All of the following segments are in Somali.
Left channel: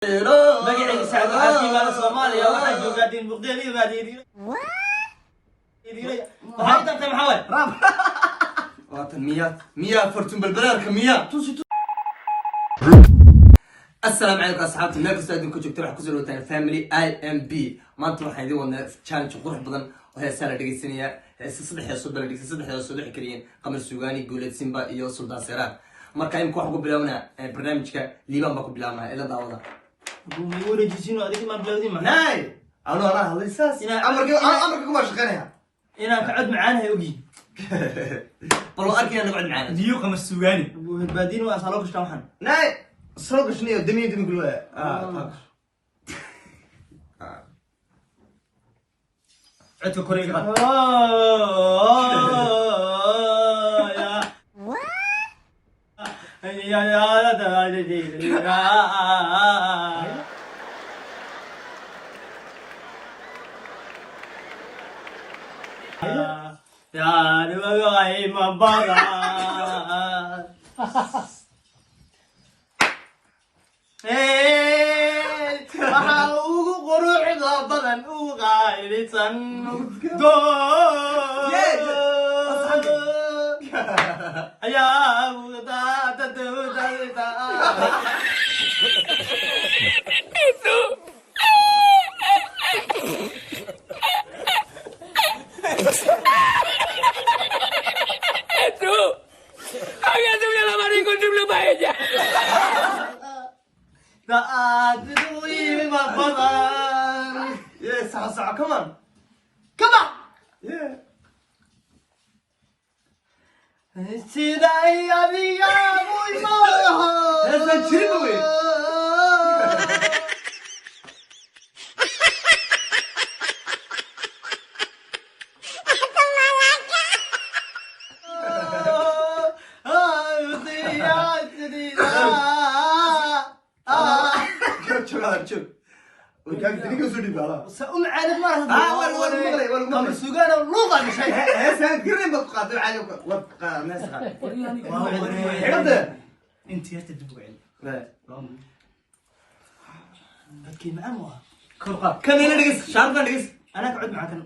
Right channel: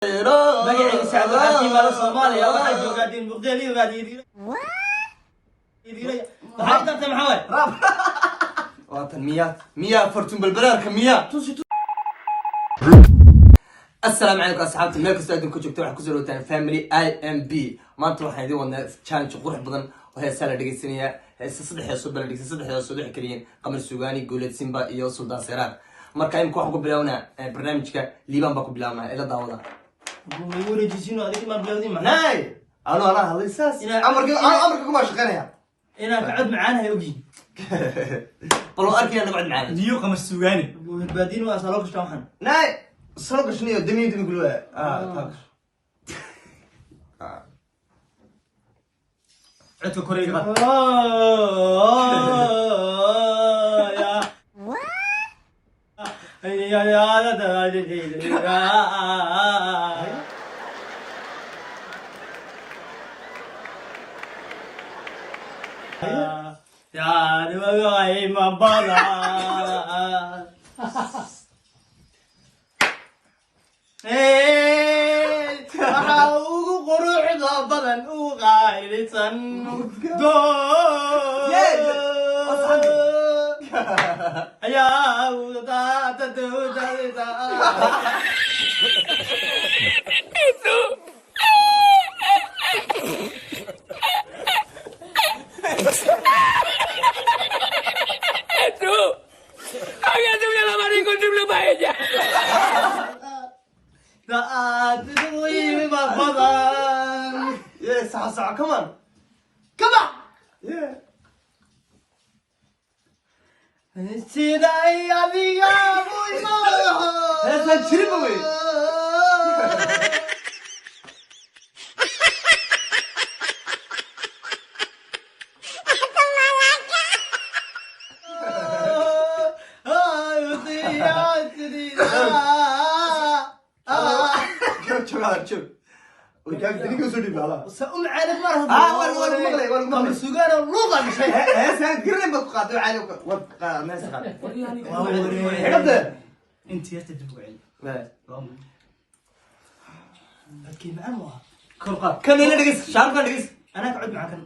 magacayga Sacad waxaan ka imaaday Soomaaliya waxaan joogaa Diin Buqdeel waxaan tartay maxaa waay راب وطن مياه فرتون بالبرارك مياه السلام عليكم اصحابتي ملك استاذن كنتو waxaa ku soo dhawaataan family IMB maanta waxaan idin wadnaa challenge qurux badan oo heesaa la dhageysanaya heesa saddex kaliya qamar suugaani guulad simba iyo sultan seraar marka in waxaan ku bilawnaa barnaamijka liiban ba ku bilawnaa ila daawada ma wareejisino adiga ma bilowdin ma nay ala halisas amarka kuma shaqeynaya ina ka cod macaanahay ogi bal arkayna nabad macaan diyo qamar suugaani baadin waa salo kashta waxan nay soo gashniyo damiin kulwa عدت كوريجا بدن وغايرتن دو يا ودا تدودا Yes, come on. Yeah. Siday adiga muimo. Hada chiriba wey. شوف وجاك دقيقة وسودي بلا سأقول عارف مرة ولا سجارة اللغة مش هي سنة قرن بتقعد عليك وبقى ما يسقط هذا أنت يا تدبوا علي لا هتكلم أموها كان هنا دقيقة شعر كان دقيقة أنا أقعد معك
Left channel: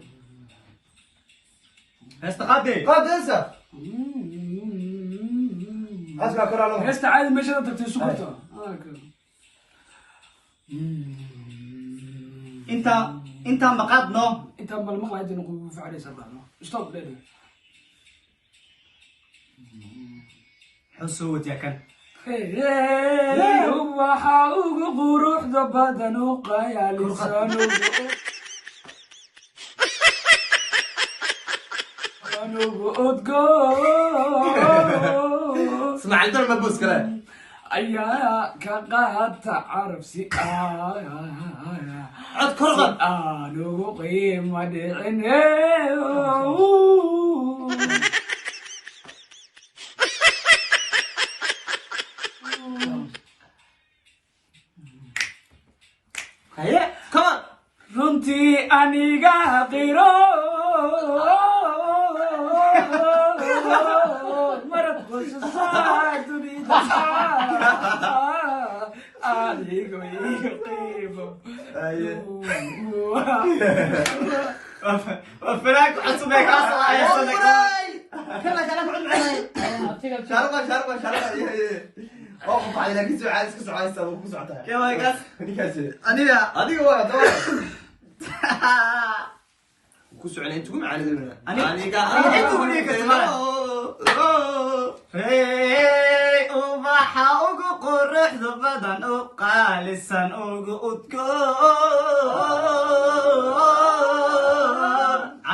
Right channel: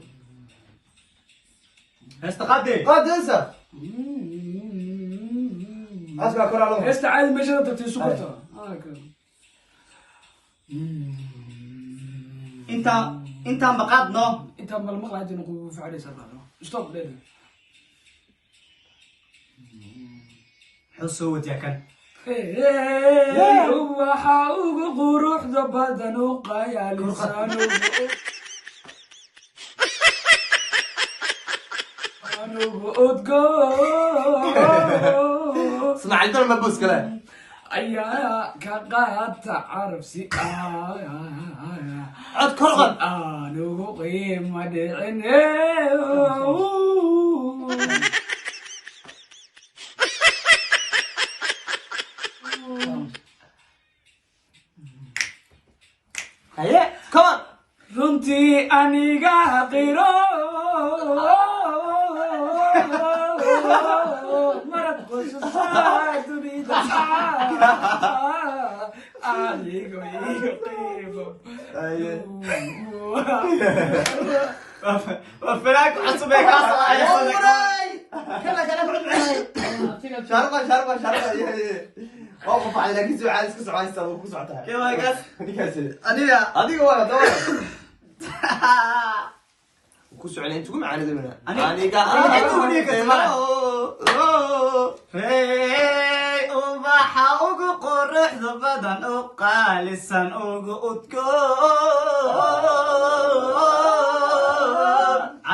استقعدي قاعد انسى اسمع كل علوم استعاد مش انت تسكتها انت مقعدنا انت بالمقلة عندي نقول في عليه سبعة ستوب ليه حصوت يا كان هو حاوق قروح ضبادن وقايا لسانه اسمع عندنا مبوس كلام أيا كقاد تعرف سي عاد كرغب أنا قيمة دعيني هيا كمان رنتي أنيقا قيرو مرت خش الصاك تريد عليك ويقيم وفراك حسب يا كاسة يا صديقي شارقة وقف على كيسو عايز كيسو عايز تسوي كيسو عتها يا ماي جاد أنا هذيك ولا دور كيسو عليه أنتوا ما عليه منها أنا ubaxa ugu quruxda badan u qaalisan ugu udgoon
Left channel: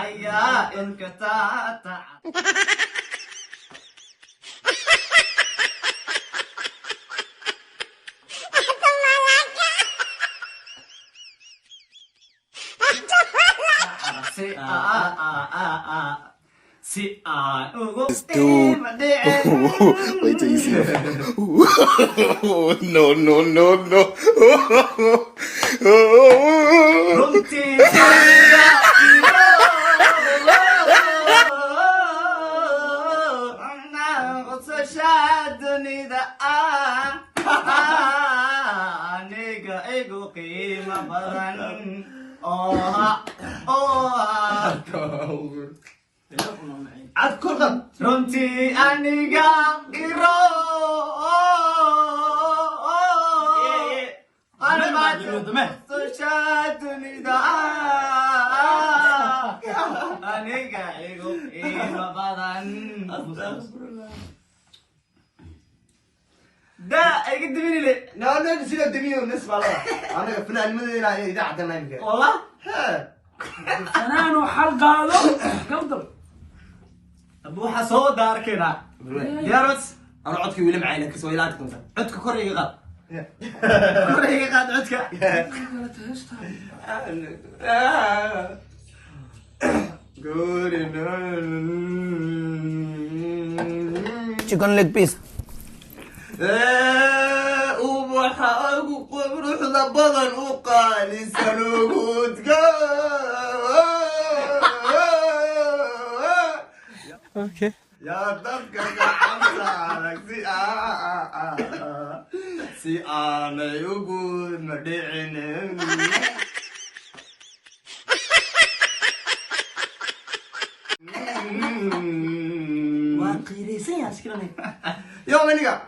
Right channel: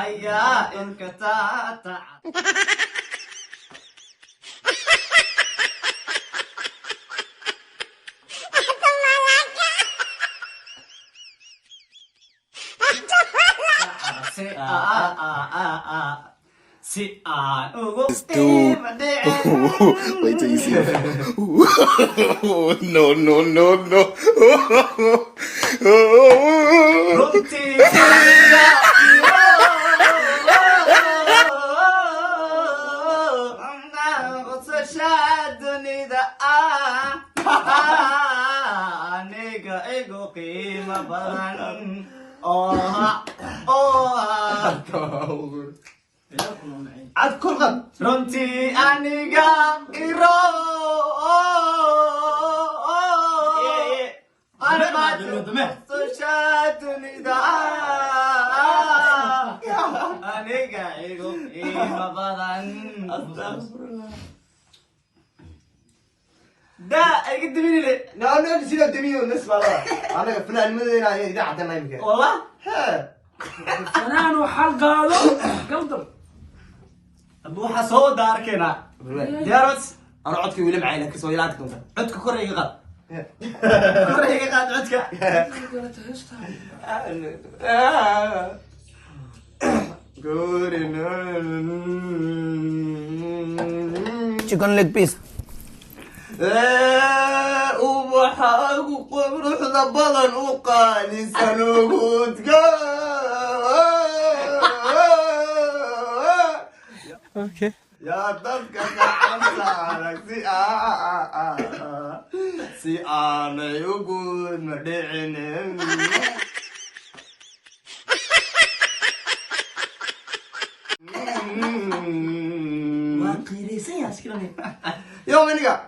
ayaa ilka taata Si this dude. Wait till you see it. No. dunida aniga igu qiimo badan cad kul qab runtii aniga iro dunida aniga igu qiimo badan da iga diminile naana sida dumiyo nisbala anaga fanaanimadeena ay ida cadana imka والله fanaan oo xal qaado galdal ابو حسود داركنا جارس انا codkii weli macayna ka soo ilaag doonta عدك كوريga قاد كوريga قاد عدك chicken leg piece. ubaxaagu quruxda badan u qaalisan ugudka Okay. yaa dadka gacan saarag si aanay ugud ma dhicinin ما قيريسين يا سكرني yo aniga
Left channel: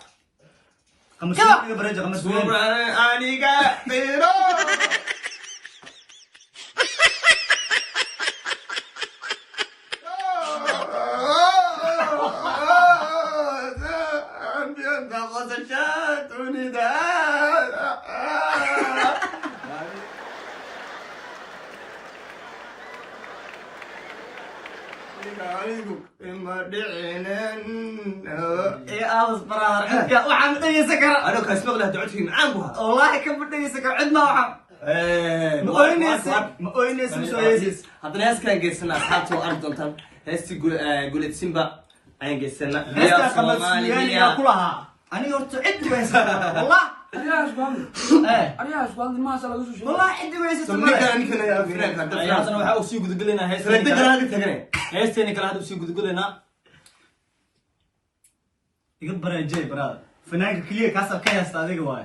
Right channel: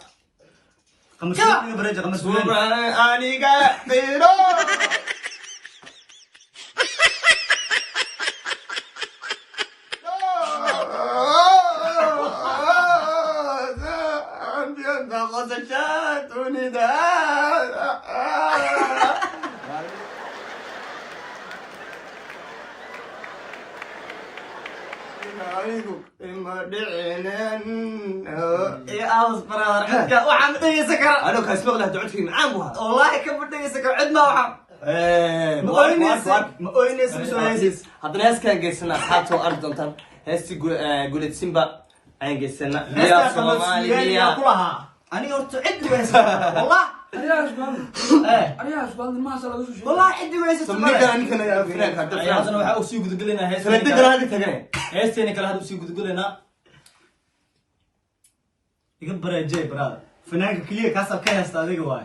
كما برجع خمس aniga qiro يا اوس برادر عدك وحن دي سكر انا كاسمع له دعوت في معان بوها والله كم بدي سكر عندنا وحن ما اوينيس مسويس haddana heeskaan geysana asxaabta waa arki doontaan heestii guleed simba ayaan geysana هسه خمس يا كلها انا قلت عد ويس والله ariyaas baan ايه ariyaas baan ma sala lagu soo والله عد ويس sumniga waxaa u sii gudgulinaa heesteeni kale hadda usii gudgulinaa iga bareejey baraad fanaanka keliya kaasal ka heesta adiga waay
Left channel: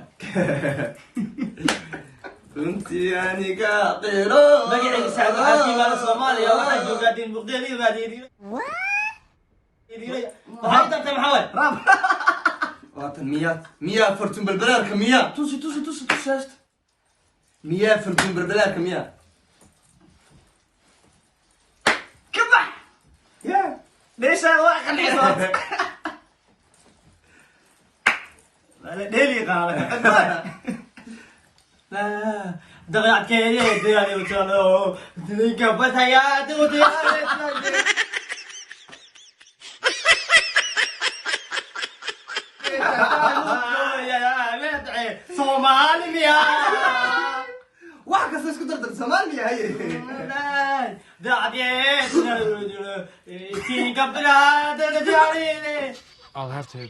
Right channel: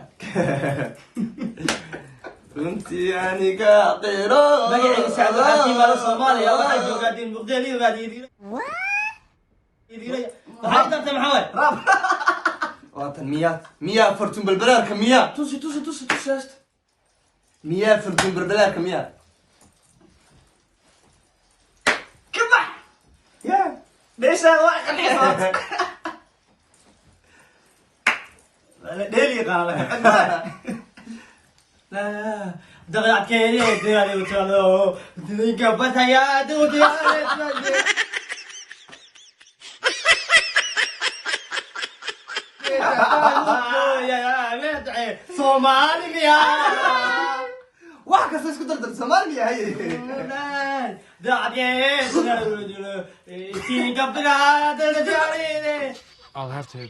runtii aniga qiro magaciisa saacad waxaa ka yimaada soomaaliya waxaa joogaa diin muqdeel iyo maxay tartay maxaa waay raab waatan miyaa fortun balbalaarka miyaa tusi miyaa fortun balbalaarka miyaa kabax meeshaan waa qanacsan wala dheeli qaala دغيات كيري ديالي وتالو ديك بتايا دودي يا صومالي بيا wax kasta isku dardar Soomaaliya hay I'll have to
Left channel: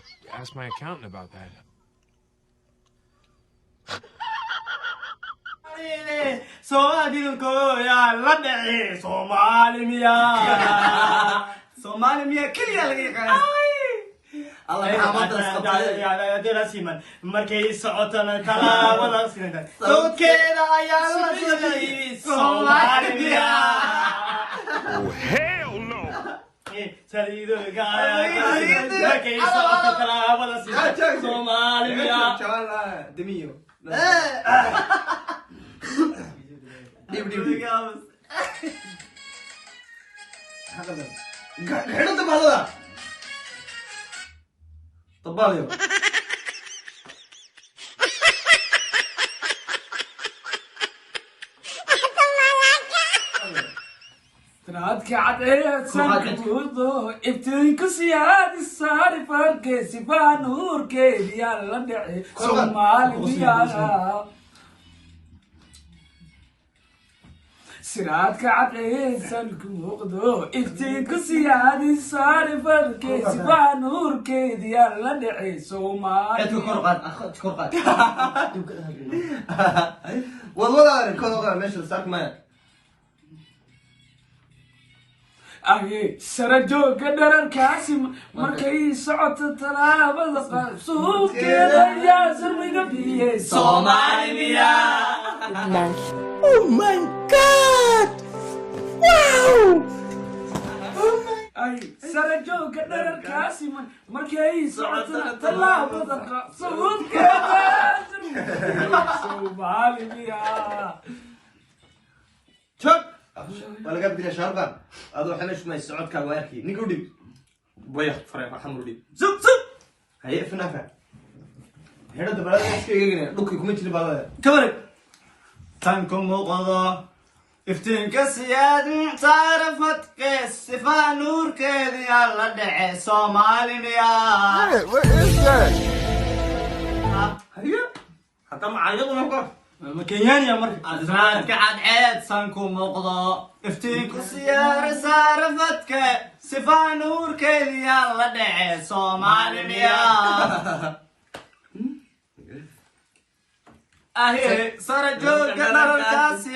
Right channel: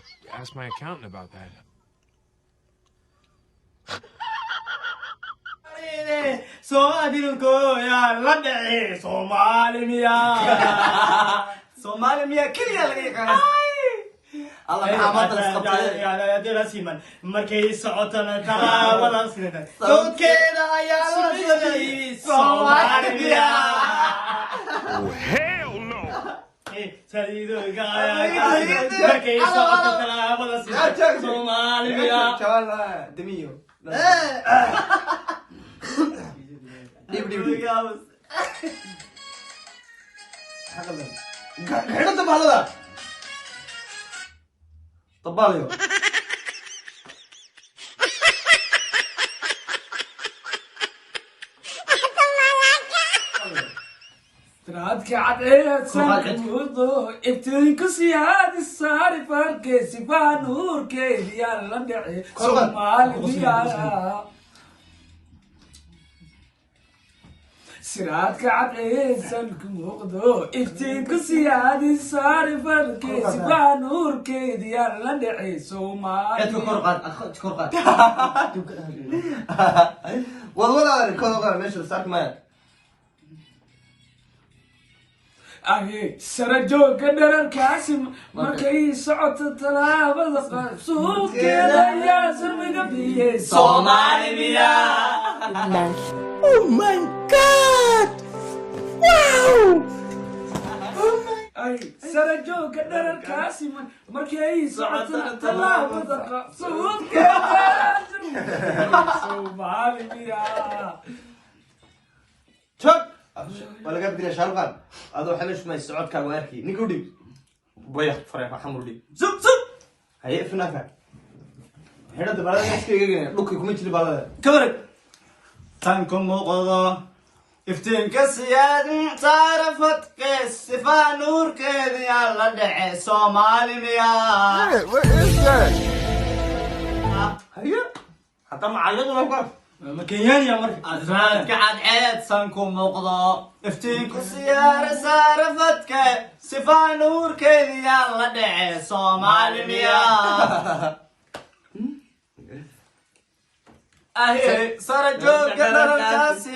ask my accountant about that. Somali miya kaliya laga yaqaan Allah maxamed isqabtay ya dira siman markay socotana talaabada sinada dadkeeda ayaa la diray Somali miya Oh, hell no! saliido gaaya markay socotana talaabada sinada Somali miya chala demiyo dib xidhada baxdada tabaaliyo tiraadka cadeeysan kuudo iftiinku siyaadi saari farkeesi baa nuurkeedi yaa la dhace Soomaaliya siraadka cadeeysan kuudo iftiinku siyaadi saari farkeesi baa nuurkeedi yaa la dhace Soomaaliya korqad والله انا كل ماشي صار ما aye sarajooga dhararkaasi markay socoto talaabada qaad suubkeeda ayaa sarmiga biyey Soomaaliya. Oh my God! Wow! ay sarajooga dhararkaasi markay socoto talaabada qaad suubkeeda ayaa sarmiga biyey Soomaaliya. Chop. Wala gab dina sharqan. Ado xanash ma socodka waarki. Ninka u dhig. Boya faray xamul dhig. Zub zub. Haye finaaka. Heerada balada iska eegayna dhulka kuma jiri balada. Kabarag. Tanku muuqdo iftiinka siyaadin taarafad qees sifaa nuurkeedii alla dhace Soomaaliya. Hey, what is that? Haye. Hatta macallada ma qor. Ma Kenyaaniya marka adraadka cadceed sanku muuqdo iftiinku siyaara saarafadka sifaa nuurkeedii alla dhace Soomaaliya. ahe sarajooga dhararkaasi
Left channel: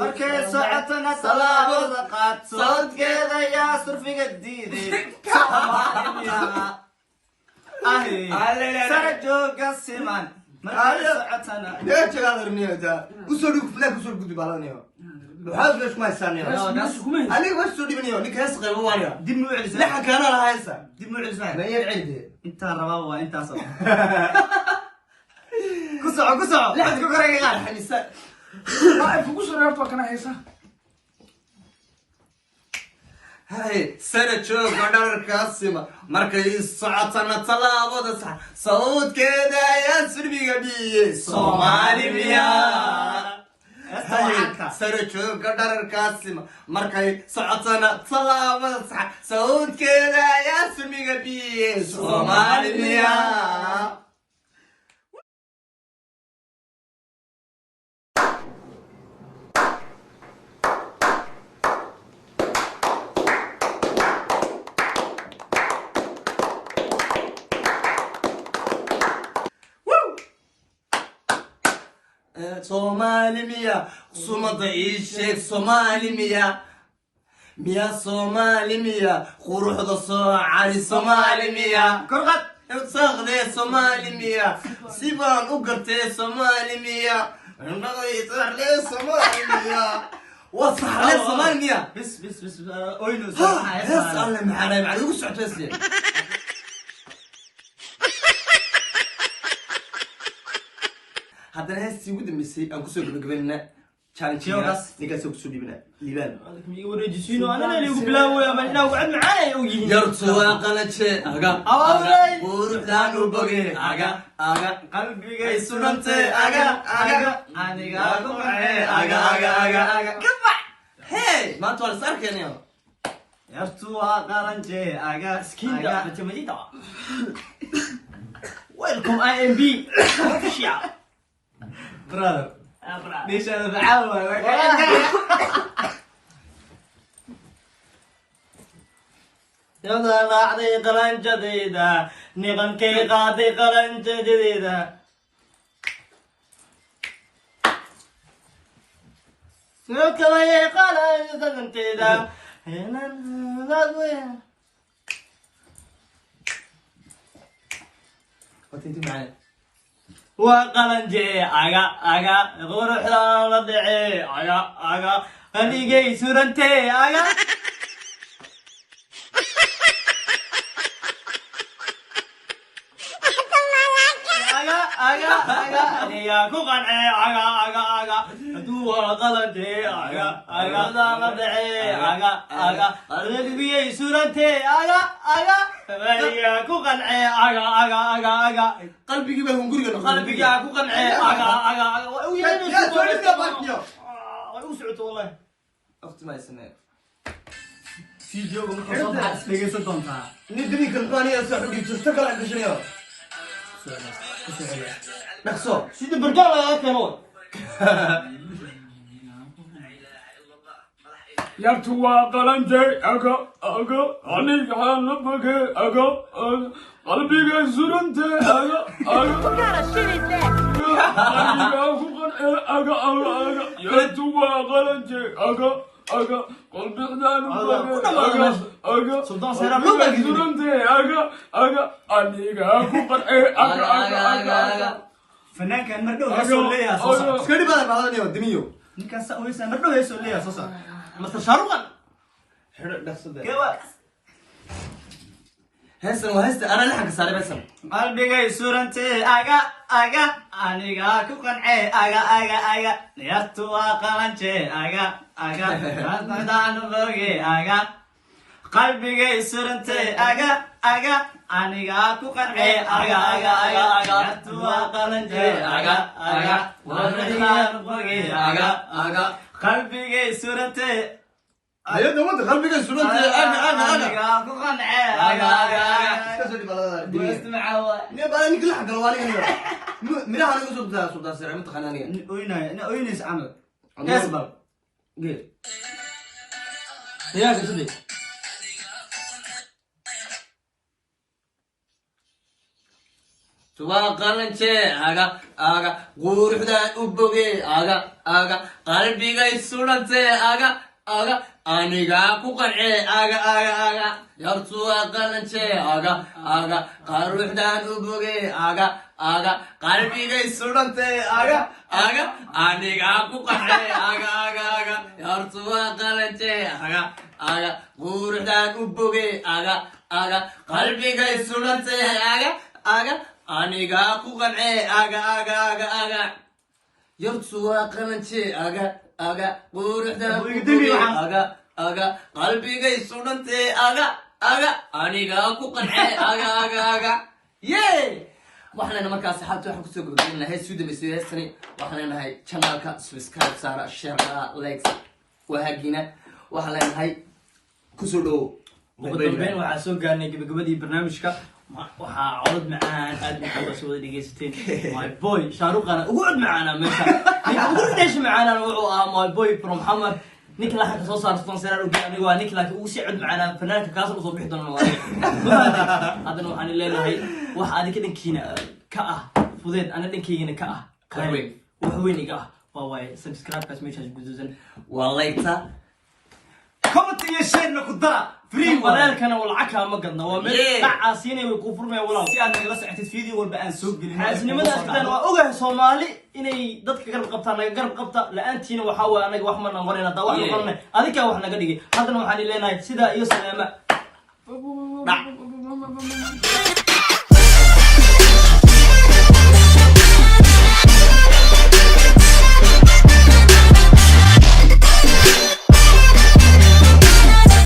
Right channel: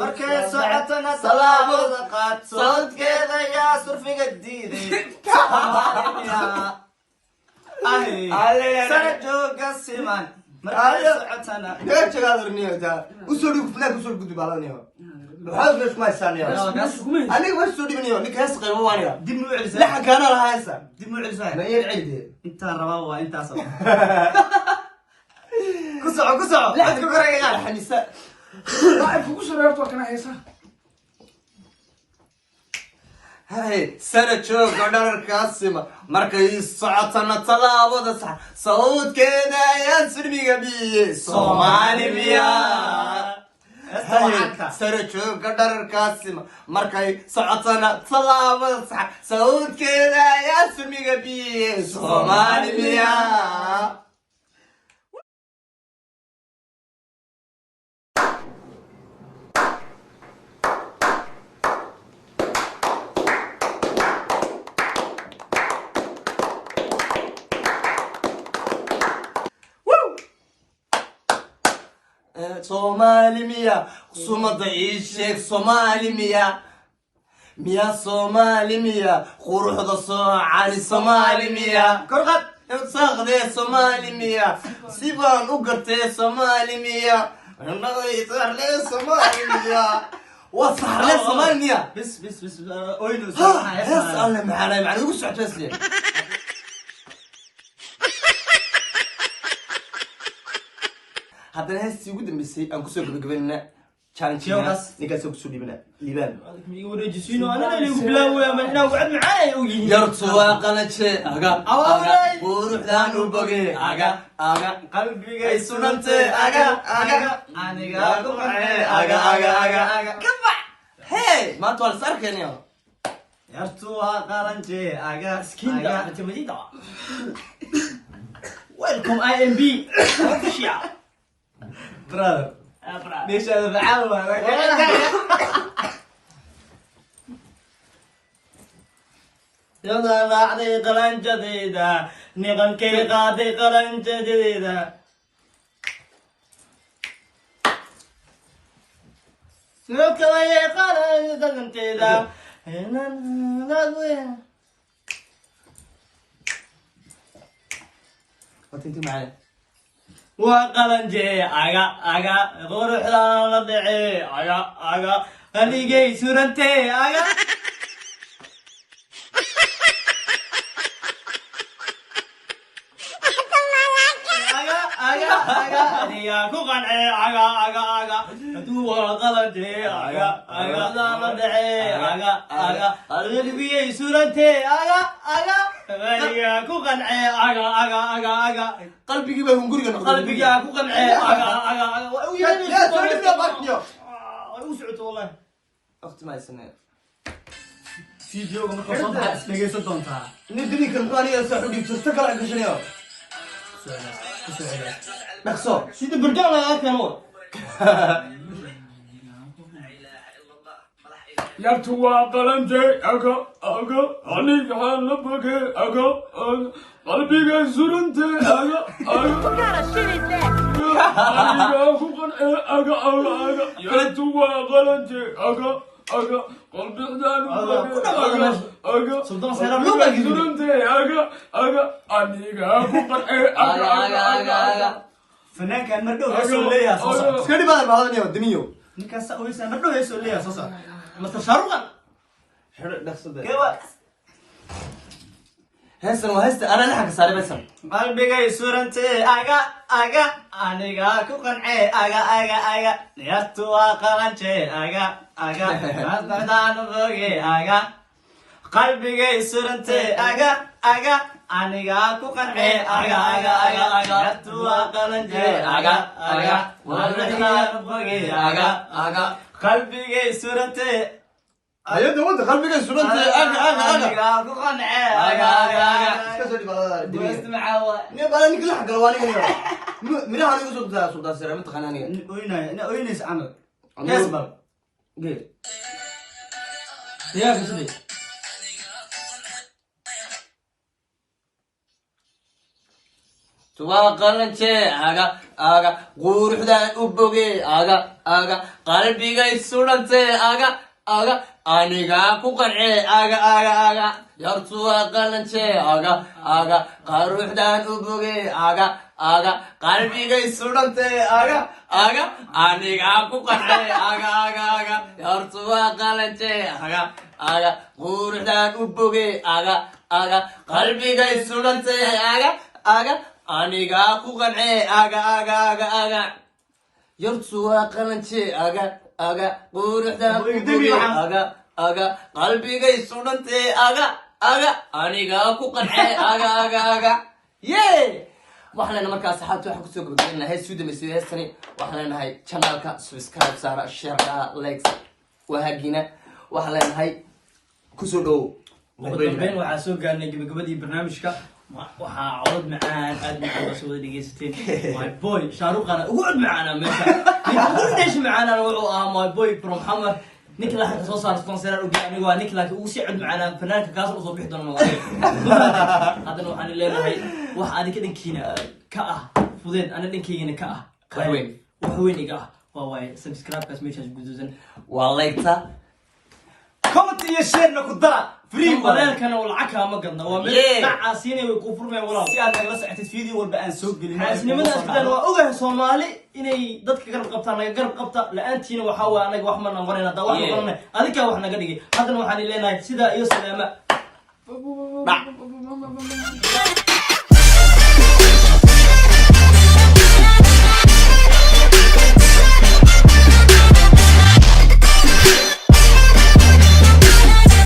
markay socotana talaabada qaad socodkeeda yaa surfiga diiday Soomaaliya. ahe sarajooga siman markay socotana Yaa jagaadar niyada. Usoo dhig flag usoo gudbi balaniyo. Waxa fish ma saaniyo. Aniga wax soo dhibaniyo ninka hees qaybo waaya. dib mu celisa La kana la haysa. dib mu celisa Ma yar cilde. inta rabaa waa intaas ku soco waxaad ku koraygaa Xanisa. Ay kugu shareerto kana haysa Hey, sarajooga dhararkaasi markay socotana talaabada sax sawdkeeda ayaa surmiga biyey Soomaaliya. sarajooga dhararkaasi markay socotana talaabada sax sawdkeeda ayaa surmiga biyey Soomaaliya. Soomaaliya sumada ii sheeg Soomaaliya miya Soomaaliya quruxda soo cali Soomaaliya korqad saaqde Soomaaliya sibaan u gartay Soomaaliya anagay saaqde Soomaaliya wa saaqde Soomaaliya bis oyno ha hees alla macana ugu socodsiin haddana heestii ugu dambeysay aan kusoo gabagabeynaa challenge-gaas ninkaasoo kusoo dhibina liibaan mi wareejisiino anana ligu bilaawaya ma inaan wacad macaanay u yihiin yartu waa qalaje aga quruxdaan u boge aga qalbigay sunante aga aniga ku qanee aga kabax hey maanta waa lis arkaynayo yartu waa qaranje aga skinda jamadida welcome IMB official brother ليش انا بعاون يلا بعدي قرن جديدة نغن كي قاضي قرن جديدة سلوك لي قرن جديدة هنا نقويها وانت معايا وقلنجي aga quruxda la dhacay aga qaligay surantay aga aniga ku qancay aga haduu qalanjay aga la dhacay aga qaligay surantay aga aniga ku qancay aga qalbigii baa hunguriga noqday qalbigaa ku qancee aga u socoto wallahi aftimaysane sii jooga markaa soo baxaad isdhegaysan doontaa ninkani kalbaaniya soo xubin jirta kala gashanayo dhaqso sida burjaa lagaa keeno yartu waa qalanjay aga aniga la boge aga qalbigay surante aga aniga ku qanee aga yartu waa qalanjay aga aga qalbiqdaan aga Sultan Seyran loo baa gidin. surante aga aniga ku qarxay aga Fanaankan mardhow heesoo leeyahay soo socda. iska dhibaadan baadan iyo dimiyo Ninkan saa oysa mardhow heesoo leeyahay soo socda. Mr. Sharuqan. xiro dhaqsada Kewa. heesan waa heesta ana laxanka saaray baysan Qalbigay surante aga aniga ku qancay aga niyatu waa qalanje aga qasdaan boge aga qalbigay surante aga aniga ku qancay aga niyatu waa qalanje aga qasdaan boge aga qalbigay surante ayada wada qalbiga sunantay aga aniga ku qancay aga iska soo dhibaadan dimiyo ismacaawa ne bala ninka laxan galo waa ninka minaha anigu soo daa sultan sare mid qananiga oynays camal asbab gee yaa gudbay waa qalanje aga quruxdaan u boge aga qalbigay sunante aga aniga ku qance aga yartu waa qalanje aga quruxdaan u boge aga qalbigay sunante aga aniga ku qance aga yartu waa qalanje aga quruxdaan u boge aga qalbigay sunante aga aniga ku qance aga yartu waa qalanje aga quruxdaan u boge aga qalbigay sunante aga aniga ku qance aga yee waxaan leenahay markaas xaalta waxaan kusoo gabagabeyn lahay suu dambeysay heestani waxaan leenahay channelka subscribe saara share likes wahaagina waxaan leenahay kusoo dhow ugu dambeyn waxaa soo gaarnay gabagabadii barnaamijka waxaa codod macaan aad macaan baa soo wada dhegeysateen my boy shaaruqana ugu cod macaana meesha ninka ugu dheesha macaanana wuxuu ahaa my boy from hamar ninka laxanka soo saarta Sponsorer ugu aniga waa ninka laakiin ugu sii cod macaana fanaanka kaas usoo bixi doona waa haddana waxaan leeyahay wax adiga dhankiina ka ah fudeed ana dhankaygina ka ah wax weyn iga ah waa way subscribe kaas meeshaas guduudan waa like-ta comment iyo share na ku dara free walaalkana walacag ma gadna waa meel dhacaasiinay way ku furmayaan walaal si aad nagala socotid video walba aan soo gelin xaasnimada sidaan waa ogahay Soomaali inay dadka garab qabtaan naga garab qabta la'aantiina waxa waa anaga wax ma noqonayna taa wax noqonay adika wax naga dhigay haddana waxaan ileenahay sida iyo salaama